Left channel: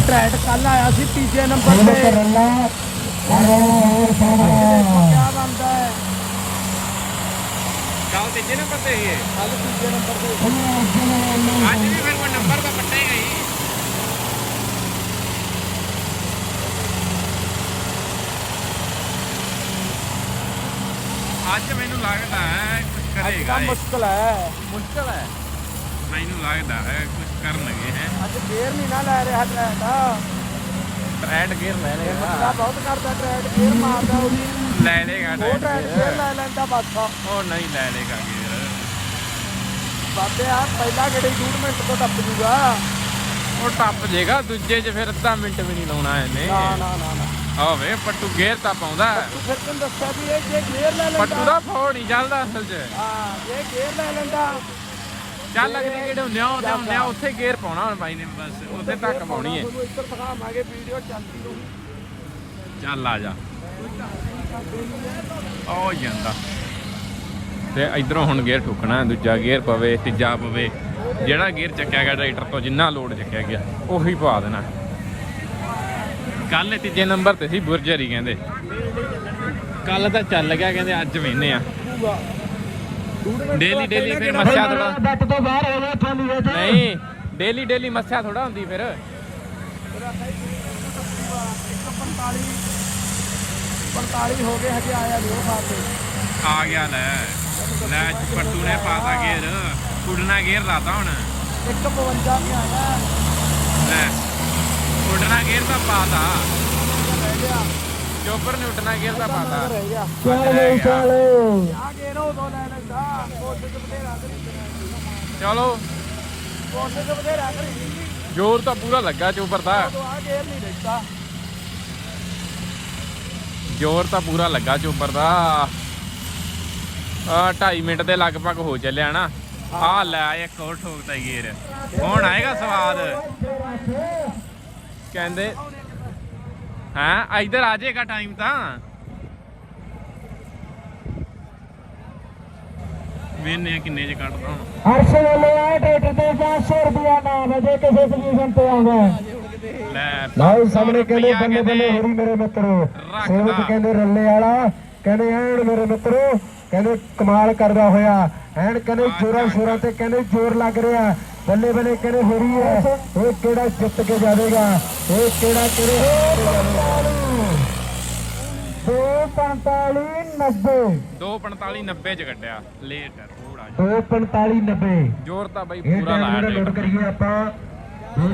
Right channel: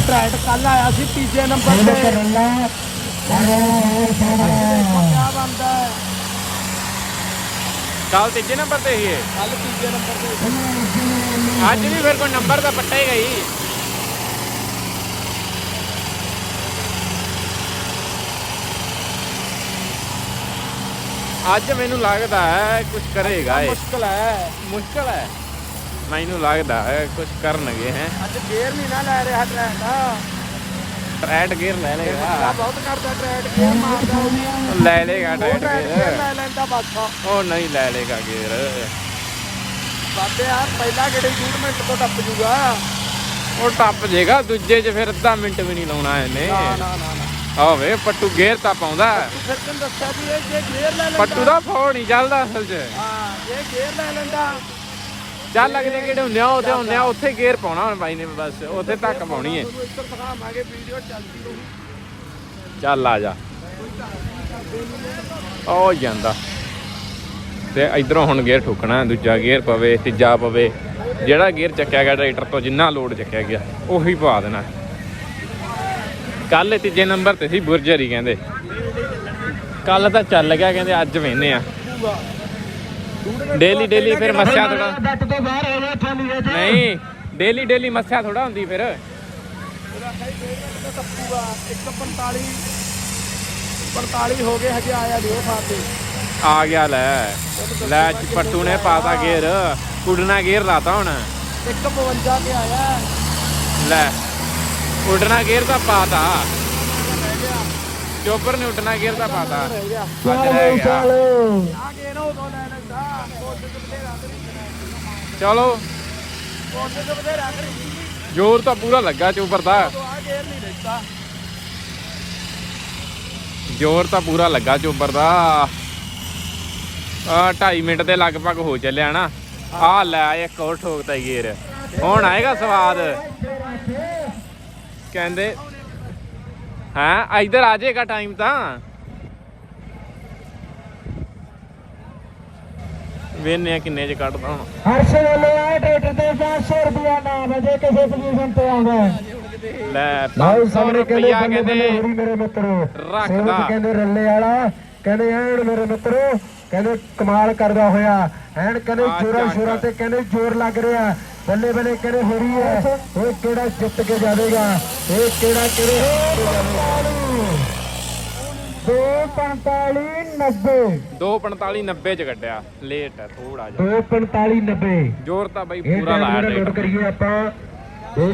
Trend ਕੱਲ ਆਇਆ ਸੀ ਤੀਜੇ ਨੰਬਰ ਤੇ। ਕਿਆ ਬਣਦਾ ਹੈ। ਕੱਲ ਤੀਜੇ ਨੰਬਰ ਤੇ ਹੀ ਹੈ। ਕੱਲ ਤੀਜੇ ਨੰਬਰ ਤੇ। ਅੱਜ ਵੀ ਫਿਰ ਕੋਈ ਨੰਬਰ ਤਾਂ ਪੱਟਾ ਹੀ ਗਈ ਅੱਜ ਮੈਨੂੰ ਲੱਗਦਾ ਹੈ ਕੁਝ ਕਰੇਗਾ ਇਹ। ਮੁਸ਼ਕਲ ਹੈ। ਮੁਸ਼ਕਲ ਹੈ। ਮੈਨੂੰ ਲੱਗਦਾ ਹੈ ਕੁਝ ਕਰਨਗੇ ਹੈ। ਅੱਜ ਗੇਅਰ ਨਹੀਂ ਨਾ ਲੈ ਰਿਹਾ ਟਰੈਡ ਦਾ ਟਰੈਡ ਗੇਅਰ ਲੈ ਲੇਗਾ ਬਹੁਤ ਕਰਦਾ ਟਰੈਡ ਗੇਅਰ ਮਾਰਦਾ ਉਹ। ਲੈ ਲੇਗਾ ਟਰੈਡ ਟਰੈਡ ਗੇਅਰ ਲੈ ਲੈਂਦਾ ਬਸ। ਉਹ ਨਹੀਂ ਲੈ ਲੇਗਾ ਗੇਅਰ ਬਾਬੇ ਆ ਪਹਿਲਾ ਜਿਹੜੇ 20 ਮਿੰਟ ਤੋਂ ਟੱਪ ਜੂਗਾ। ਉਹ ਟੱਪ ਜੇਗਾ ਦੂਜੇ 'ਚ ਫਿਰ ਅੱਧਾ ਮਿੰਟ ਵੀ ਨਹੀਂ ਲਾਉਣਾ ਇਹਨੇ। ਆਵੇ ਪੱਟੂ ਗੇਅਰ ਤਾਂ ਪਾਉਂਦਾ। ਤੂੰ ਫਿਰ ਤੈਨੂੰ ਦੱਸਿਆ ਵੀ ਇਹ ਜੇ ਗੇਅਰ ਲੈ ਲੈਂਦਾ। ਪੱਟੂ ਦਾ ਫੋਨ ਨਹੀਂ ਚੱਲਦਾ ਅਸਲ 'ਚ। ਹਾਂ ਇਹ ਗੇਅਰ ਲੈ ਲੈਂਦਾ। ਚੱਲ ਅਗਲੇ ਜਿਹੜੇ ਹੁੰਦੇ ਆ, ਉਹਦੇ ਹੁੰਦੇ ਆ, ਉੱਥੇ ਗੇਅਰ ਪਾਉਣਾ ਮੈਂ ਬਾਈ ਨੇ ਬਸ, ਉੱਥੇ ਤੱਕ ਪਾਉਣੀ ਹੈ ਚੱਲ ਆ ਜਾ। ਉਹ ਜਾਂਦਾ। ਤੇ ਇਧਰੋਂ ਹੁਣ ਗੇਅਰ ਠੋਕਣਾ, ਦੂਜਾ ਗੇਅਰ ਪਵੇ, ਤੀਜਾ ਪਵੇ, ਜਿਹੜਾ ਗੇਅਰ ਚੱਕਿਆ ਗਿਆ ਟਰੈਕਟਰ ਤੋਂ, ਜਿੰਨਾ ਲੋਡ ਚੱਕਿਆ ਗਿਆ, ਉਹੀ ਪਵਾ ਦੇਣਾ। ਕੱਲ ਤੀਜੇ ਨੰਬਰ ਤੇ ਸੀ ਬੁਰਜਰੀ, ਕਹਿੰਦੇ। ਕੱਲ ਤਾਂ ਚੱਲ ਗਿਆ, ਕਹਿੰਦੇ ਅੱਜ ਵੇਨੇ ਆ। ਡੇਲੀ ਡੇਲੀ ਫਿਰ ਮੱਸਿਆ ਥੋੜਾ ਤੋਂ ਨਹੀਂ ਡੇਲੀ ਡੇਲੀ ਮੱਸਿਆ ਥੋੜਾ ਹੁੰਦੀ ਫਿਰ। ਉਹਦਾ ਕਈ ਗੇਅਰ ਟੱਪੂਗਾ 145 45 ਹੋ ਗਏ ਹਜੇ ਆਇਆ ਨਹੀਂ ਉਹ ਖਾਤੇ ਆ ਗਿਆ ਲੈ। ਲੈ ਪੱਟੂ ਨੇ ਪਾਤਾ ਗੇਰ ਉਡਣਾ ਗੇਰ ਲਾਤਾ ਹੁਣ। 152 ਕੇ ਆਇਆ। ਲੈ ਉਡਣਾ ਗੇਰ ਤਾਂ ਪਾਤਾ। ਚੋਪਰ ਨੇ ਉਡਣਾ ਗੇਰ ਤਾਂ ਪਾਤਾ। ਰਹਿ ਗਿਆ। ਆ ਗਏ ਨਾ ਚਲੋ। ਜ਼ੋਰ ਤਾਂ ਪੂਰਾ ਲੱਗਾ ਚੋਪਰ ਦਾ। ਜ਼ੋਰ ਤਾਂ ਪੂਰਾ ਲੱਗਾ ਚੋਪਰ ਦਾ। ਆ 2.5 ਮਿੰਟ ਦੇ ਲਗਭਗ ਹੋ ਚੱਲਿਆ ਨਾ। ਆ ਲੈ ਇੱਕ ਹੋਰ ਠੋਕਤਾ ਗੇਰ ਹੁਣ ਆਏਗਾ ਸਵਾਦ। ਕਹਿੰਦੇ ਹਾਂ ਇਧਰ ਆ ਜਾਏਗਾ ਟਾਈਮ ਤਾਂ। ਵੇਨੇ ਕਿੰਨੇ ਚ ਕੱਢਦਾ ਹੁਣ। ਹਰਸ਼ ਵਾਲੇ ਆ ਟਰੈਕਟਰ ਤੇ 500 ਰੁਪਿਆ ਨਾਮ ਹੈ ਜੇ ਕਿਸੇ ਸੋਲੂਸ਼ਨ ਤੇ ਆਉਂਦਾ ਲੈ ਭਾਈ 500 ਸਾਹਮਣੇ ਕਹਿੰਦੇ ਕਹਿੰਦੇ ਮੇਰੇ ਮਿੱਤਰੋ। ਰੱਖਦਾ। ਕਹਿੰਦੇ ਰੱਲੇ ਵਾਲਾ ਕਹਿੰਦੇ ਐਨ ਮੇਰੇ ਮਿੱਤਰੋ ਕਹਿੰਦੇ ਕਮਾਲ ਕਰਦਾ ਹੋਇਆ। ਐਨ ਕਹਿੰਦੇ ਆ ਜੋਰਾਂ। ਸ਼ੋਰਾਂ ਤੇ ਕਹਿੰਦੇ ਜ਼ੋਰ ਲੱਗ ਰਿਹਾ। ਬੱਲੇ ਬੱਲੇ ਕਹਿੰਦੇ ਹੋਰੀ ਹੈ ਇਹ ਕਿਹੜਾ ਜਿੱਤ ਕੇ ਜਾਵੇਗਾ? ਇਹ ਕਿਹੜਾ ਕਿਹੜੇ 245 90 245 90 ਚ ਕੱਢਿਆ। ਲੇਟ ਹੈ ਥੋੜਾ ਜਿਹਾ। 245 90 ਜ਼ੋਰ ਤਾਂ ਬਈ ਪੂਰਾ ਲਾਇਆ ਟਰੈਕਟਰ ਕਰੀਏ ਆਪਾਂ। 2